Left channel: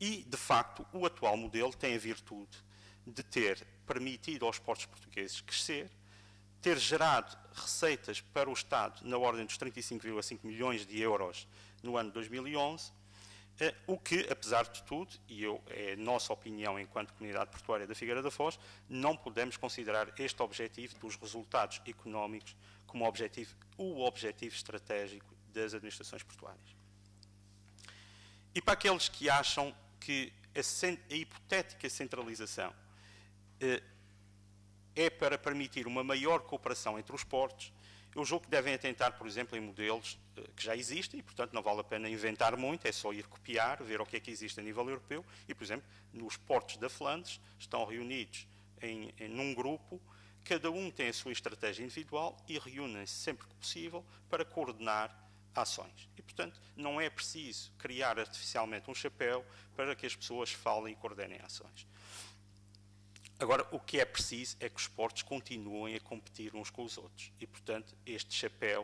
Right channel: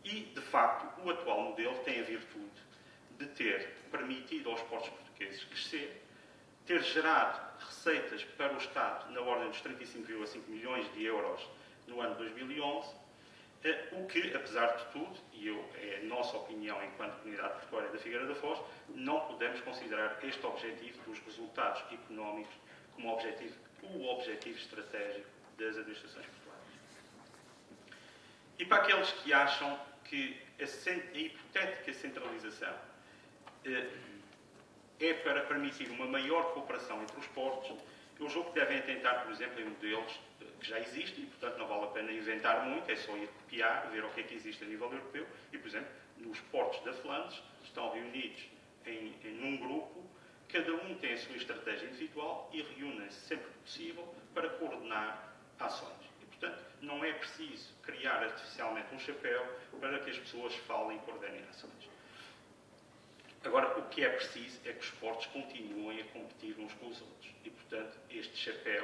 E, de facto, o atual modelo tem a virtude de ter permitido aos portos portugueses crescer, ter gerado receitas para o Estado na ordem dos 35,5 milhões de euros no ano 2011, o que, apesar de tudo, e é a nossa opinião enquanto comunidade portuária da Figueira da Foz, não podemos considerar este objetivo dos resultados económicos como o objetivo estratégico das administrações portuárias. E para aqueles que acham que a hipotética centralização é para permitir uma maior cooperação entre os portos, eu julgo que devem atentar, por exemplo, em modelos que já existem e, portanto, não vale a pena inventar muito, é só ir copiar, ver o que é que existe a nível europeu. E, por exemplo, nos portos da Flandres estão reunidos num grupo, cada um tem a sua estratégia individual e reúnem-se sempre que possível para coordenar ações. E, portanto, não é preciso criar artificialmente um chapéu para que as pessoas falem e coordenem ações. Agora, o que é preciso é que os portos continuem a competir uns com os outros. E, portanto, este chapéu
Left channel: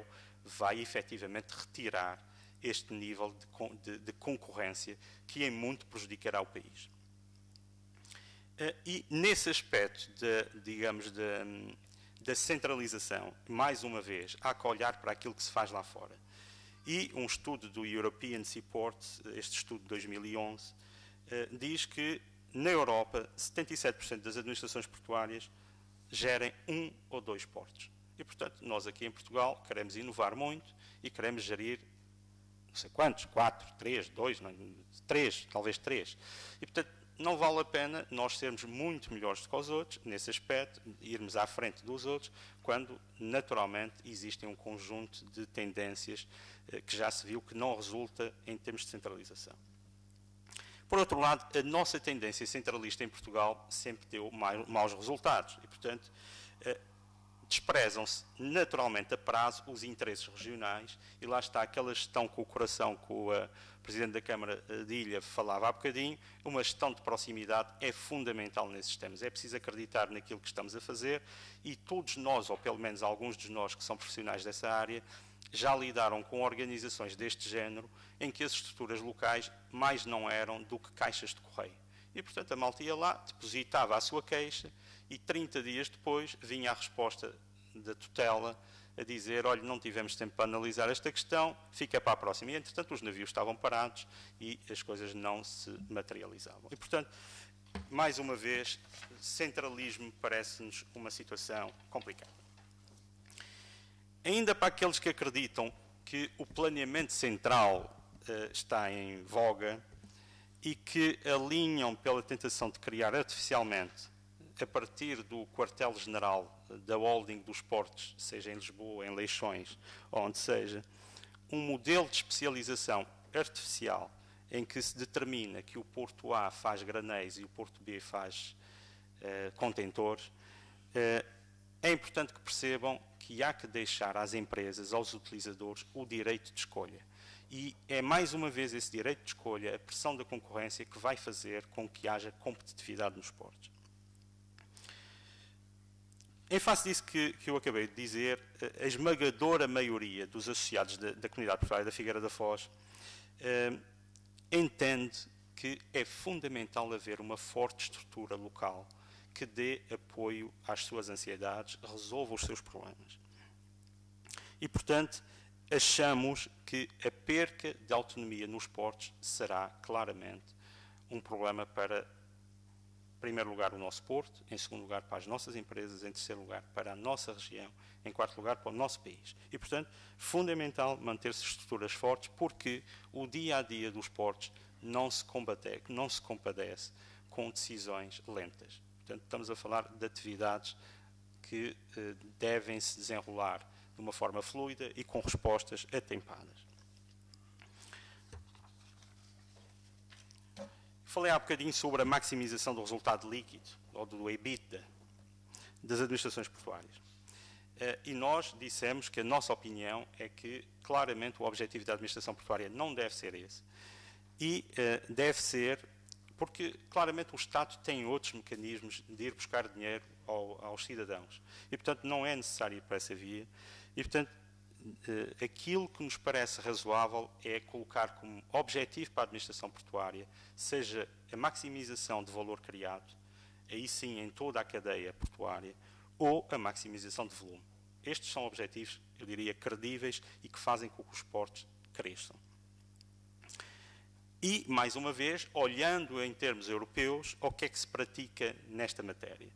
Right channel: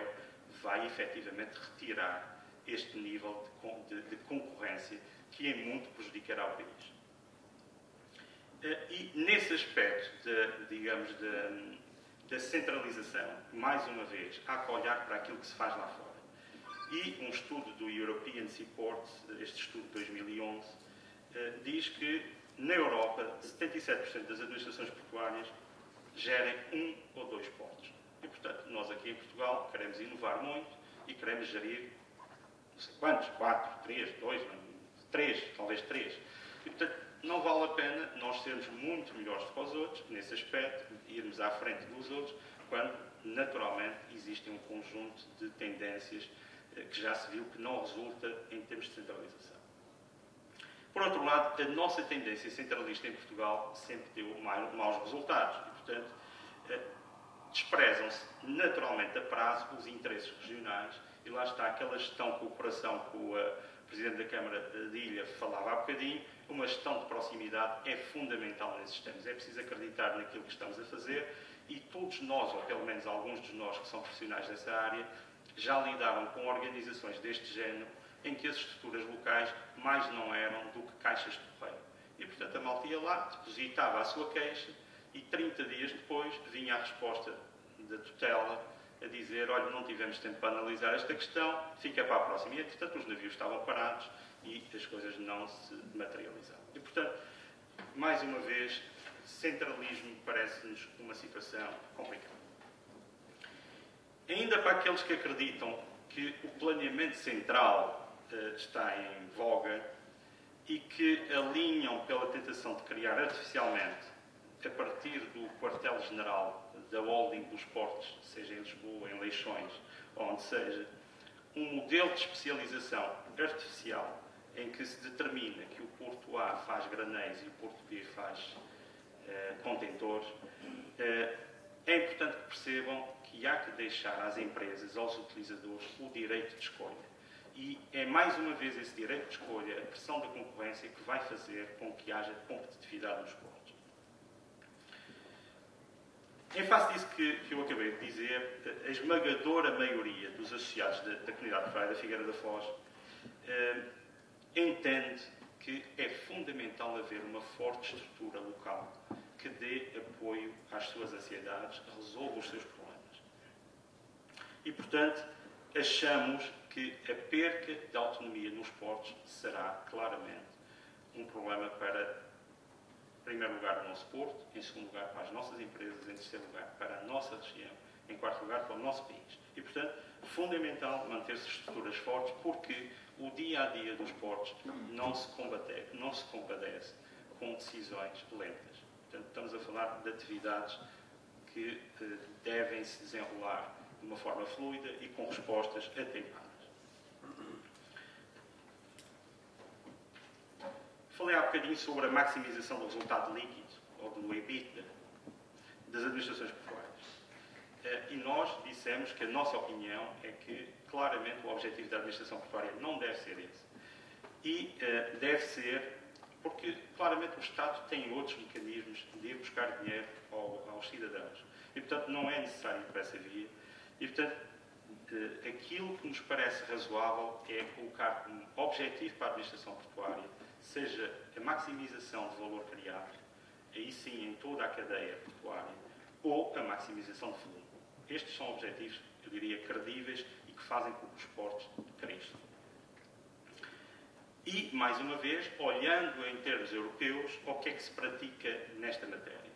vai efetivamente retirar este nível de concorrência que em muito prejudicará o país. E nesse aspecto, da centralização, mais uma vez, há que olhar para aquilo que se faz lá fora. E um estudo do European Seaports, este estudo de 2011, diz que na Europa, 77% das administrações portuárias gerem um ou dois portos. E, portanto, nós aqui em Portugal queremos inovar muito e queremos gerir, não sei quantos, 4, 3, 2, 3, talvez 3. E, portanto, não vale a pena nós sermos muito melhores do que os outros, nesse aspecto, irmos à frente dos outros, quando, naturalmente, existem um conjunto de tendências que já se viu que não resulta em termos de centralização. Por outro lado, a nossa tendência centralista em Portugal sempre deu maus resultados e, portanto, desprezam-se naturalmente a prazo os interesses regionais e lá está aquela gestão com o coração que o Presidente da Câmara de Ilha falava há bocadinho. Uma gestão de proximidade é fundamental nesses termos. É preciso acreditar naquilo que estamos a fazer e todos nós, ou pelo menos alguns de nós que são profissionais dessa área, já lidaram com organizações deste género em que as estruturas locais mais não eram do que caixas de correio. E, portanto, a malta ia lá, depositava a sua queixa e 30 dias depois vinha a resposta da tutela a dizer: olha, não tivemos tempo para analisar esta questão, fica para a próxima. E, entretanto, os navios estavam parados e as coisas não se materializavam. E, portanto, mais uma vez, centralismo parece-nos uma situação complicada. Ainda para aqueles que acreditam que o planeamento central está em voga e que alinham pela tentação de criar artificialmente, a partir do quartel-general da holding dos portos, seja em Lisboa, em Leixões, onde seja, um modelo de especialização artificial em que se determina que o Porto A faz granéis e o Porto B faz contentores, é importante que percebam que há que deixar às empresas, aos utilizadores, o direito de escolha. E é mais uma vez esse direito de escolha, a pressão da concorrência, que vai fazer com que haja competitividade nos portos. Em face disso que eu acabei de dizer, a esmagadora maioria dos associados da comunidade portuária da Figueira da Foz entende que é fundamental haver uma forte estrutura local que dê apoio às suas ansiedades, resolva os seus problemas. E, portanto, achamos que a perca de autonomia nos portos será claramente um problema para, em primeiro lugar, o nosso porto, em segundo lugar, para as nossas empresas, em terceiro lugar, para a nossa região, em quarto lugar, para o nosso país. E, portanto, fundamental manter-se estruturas fortes, porque o dia-a-dia dos portos não se compadece com decisões lentas. Portanto, estamos a falar de atividades que devem se desenrolar de uma forma fluida e com respostas atempadas. Falei há bocadinho sobre a maximização do resultado líquido, ou do EBITDA, das administrações portuárias. E nós dissemos que a nossa opinião é que, claramente, o objetivo da administração portuária não deve ser esse. E deve ser, porque, claramente, o Estado tem outros mecanismos de ir buscar dinheiro aos cidadãos. E, portanto, não é necessário ir para essa via. E, portanto, Aquilo que nos parece razoável é colocar como objetivo para a administração portuária seja a maximização de valor criado, aí sim em toda a cadeia portuária, ou a maximização de volume. Estes são objetivos, eu diria, credíveis e que fazem com que os portos cresçam. E, mais uma vez, olhando em termos europeus, o que é que se pratica nesta matéria?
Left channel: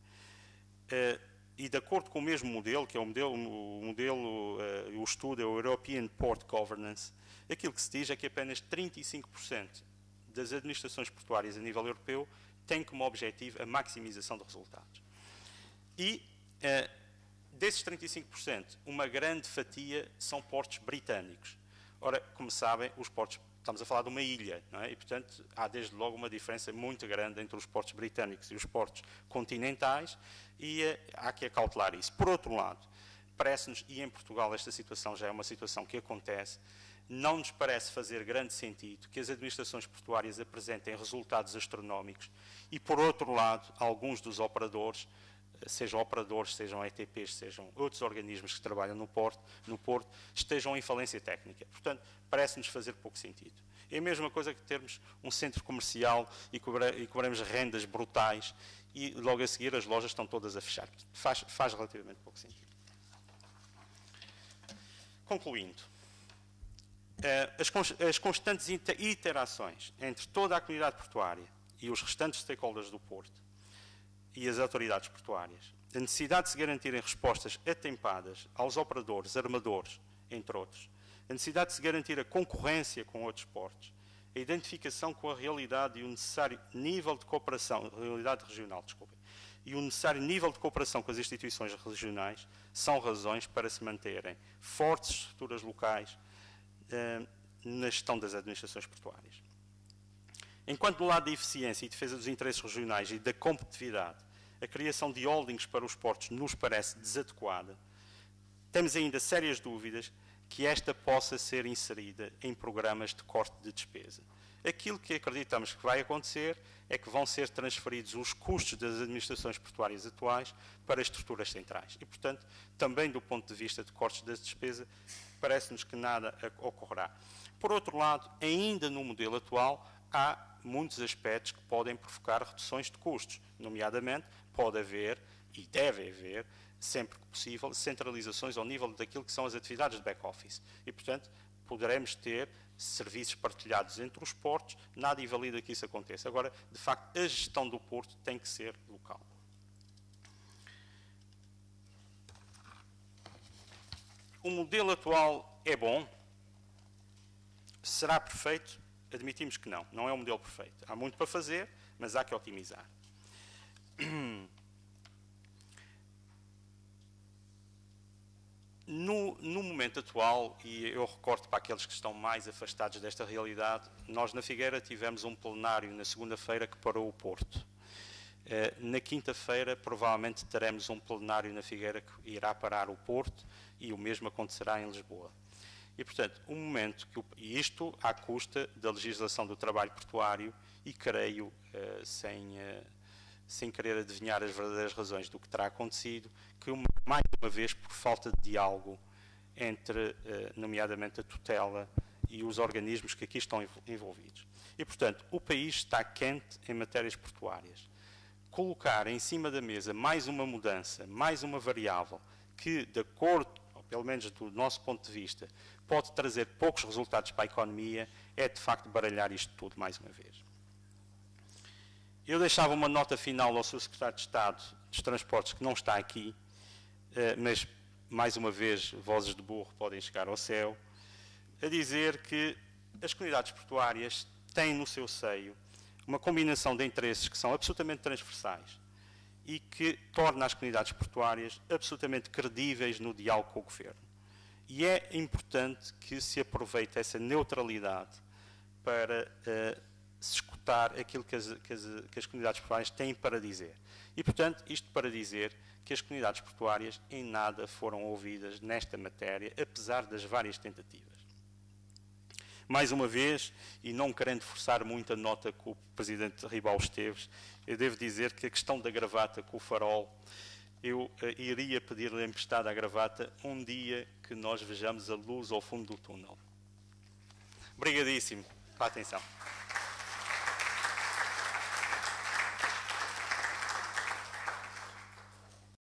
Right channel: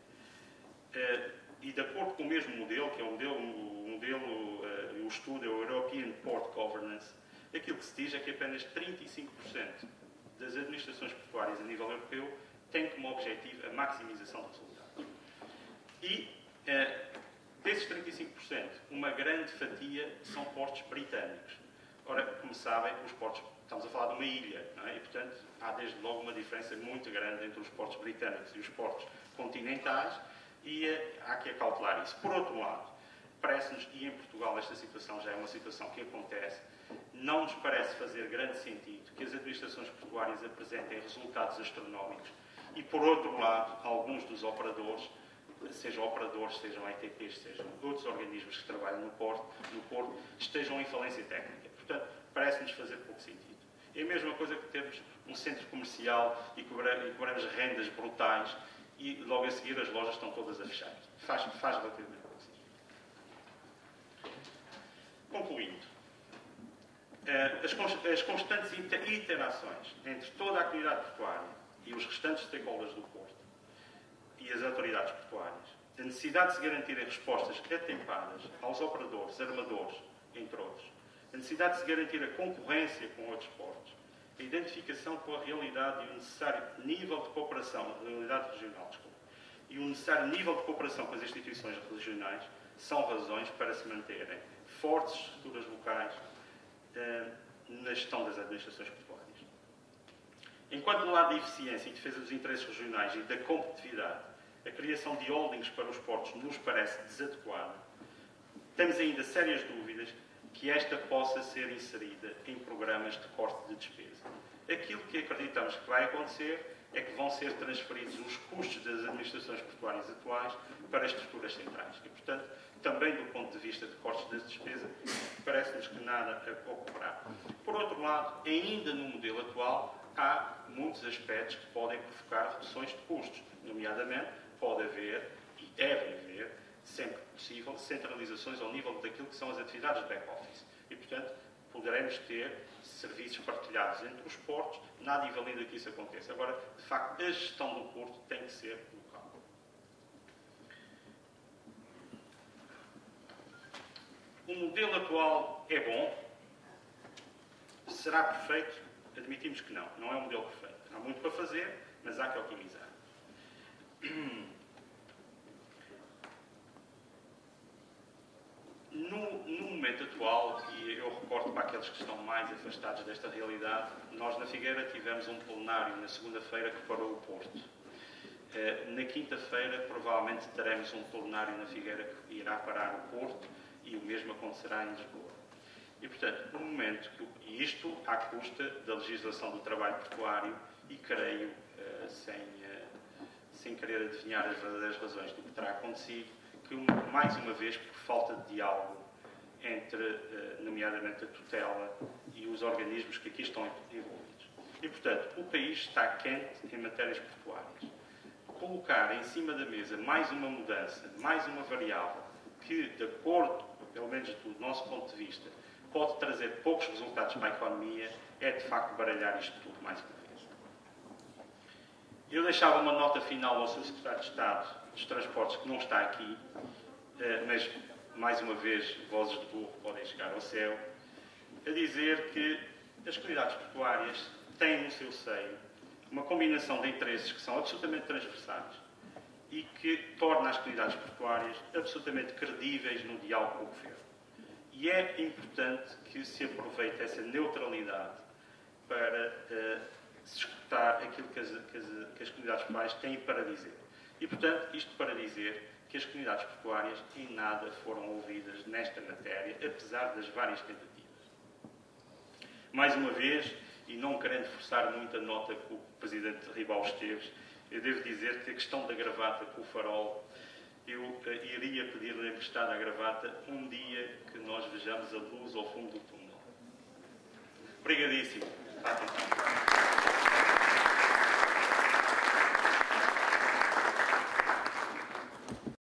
E de acordo com o mesmo modelo, que é o estudo é o European Port Governance, aquilo que se diz é que apenas 35% das administrações portuárias a nível europeu têm como objetivo a maximização de resultados. E desses 35%, uma grande fatia são portos britânicos. Ora, como sabem, os portos, estamos a falar de uma ilha, não é? E, portanto, há desde logo uma diferença muito grande entre os portos britânicos e os portos continentais, e há que acautelar isso. Por outro lado, parece-nos, e em Portugal esta situação já é uma situação que acontece, não nos parece fazer grande sentido que as administrações portuárias apresentem resultados astronómicos e, por outro lado, alguns dos operadores, sejam ETPs, sejam outros organismos que trabalham no Porto, estejam em falência técnica. Portanto, parece-nos fazer pouco sentido. É a mesma coisa que termos um centro comercial e cobramos rendas brutais e logo a seguir as lojas estão todas a fechar. Faz relativamente pouco sentido. Concluindo, as constantes interações entre toda a comunidade portuária e os restantes stakeholders do Porto e as autoridades portuárias, a necessidade de se garantirem respostas atempadas aos operadores, armadores, entre outros, a necessidade de se garantir a concorrência com outros portos, a identificação com a realidade e o necessário nível de cooperação, realidade regional, e o necessário nível de cooperação com as instituições regionais são razões para se manterem fortes estruturas locais na gestão das administrações portuárias. Enquanto do lado da eficiência e defesa dos interesses regionais e da competitividade, a criação de holdings para os portos nos parece desadequada, temos ainda sérias dúvidas que esta possa ser inserida em programas de corte de despesa. Aquilo que acreditamos que vai acontecer é que vão ser transferidos os custos das administrações portuárias atuais para as estruturas centrais. E, portanto, também do ponto de vista de cortes das despesas, parece-nos que nada ocorrerá. Por outro lado, ainda no modelo atual, há muitos aspectos que podem provocar reduções de custos. Nomeadamente, pode haver, e deve haver, sempre que possível, centralizações ao nível daquilo que são as atividades de back-office. E, portanto, poderemos ter serviços partilhados entre os portos, nada invalida que isso aconteça. Agora, de facto, a gestão do porto tem que ser local. O modelo atual é bom? Será perfeito? Admitimos que não. Não é um modelo perfeito. Há muito para fazer, mas há que otimizar. No momento atual, e eu recordo para aqueles que estão mais afastados desta realidade, nós na Figueira tivemos um plenário na segunda-feira que parou o Porto. Na quinta-feira, provavelmente teremos um plenário na Figueira que irá parar o Porto e o mesmo acontecerá em Lisboa. E, portanto, um momento e isto à custa da legislação do trabalho portuário e creio, sem querer adivinhar as verdadeiras razões do que terá acontecido, que, mais uma vez, por falta de diálogo entre, nomeadamente, a tutela e os organismos que aqui estão envolvidos. E, portanto, o país está quente em matérias portuárias. Colocar em cima da mesa mais uma mudança, mais uma variável, que, de acordo, pelo menos do nosso ponto de vista, pode trazer poucos resultados para a economia, é, de facto, baralhar isto tudo mais uma vez. Eu deixava uma nota final ao Sr. Secretário de Estado dos Transportes, que não está aqui, mas, mais uma vez, vozes de burro podem chegar ao céu, a dizer que as comunidades portuárias têm no seu seio uma combinação de interesses que são absolutamente transversais e que torna as comunidades portuárias absolutamente credíveis no diálogo com o Governo. E é importante que se aproveite essa neutralidade para se escutar aquilo que as comunidades portuárias têm para dizer. E, portanto, isto para dizer que as comunidades portuárias em nada foram ouvidas nesta matéria, apesar das várias tentativas. Mais uma vez, e não querendo forçar muito a nota com o Presidente Ribal Esteves, eu devo dizer que a questão da gravata com o farol eu iria pedir-lhe emprestada a gravata um dia que nós vejamos a luz ao fundo do túnel. Obrigadíssimo pela atenção.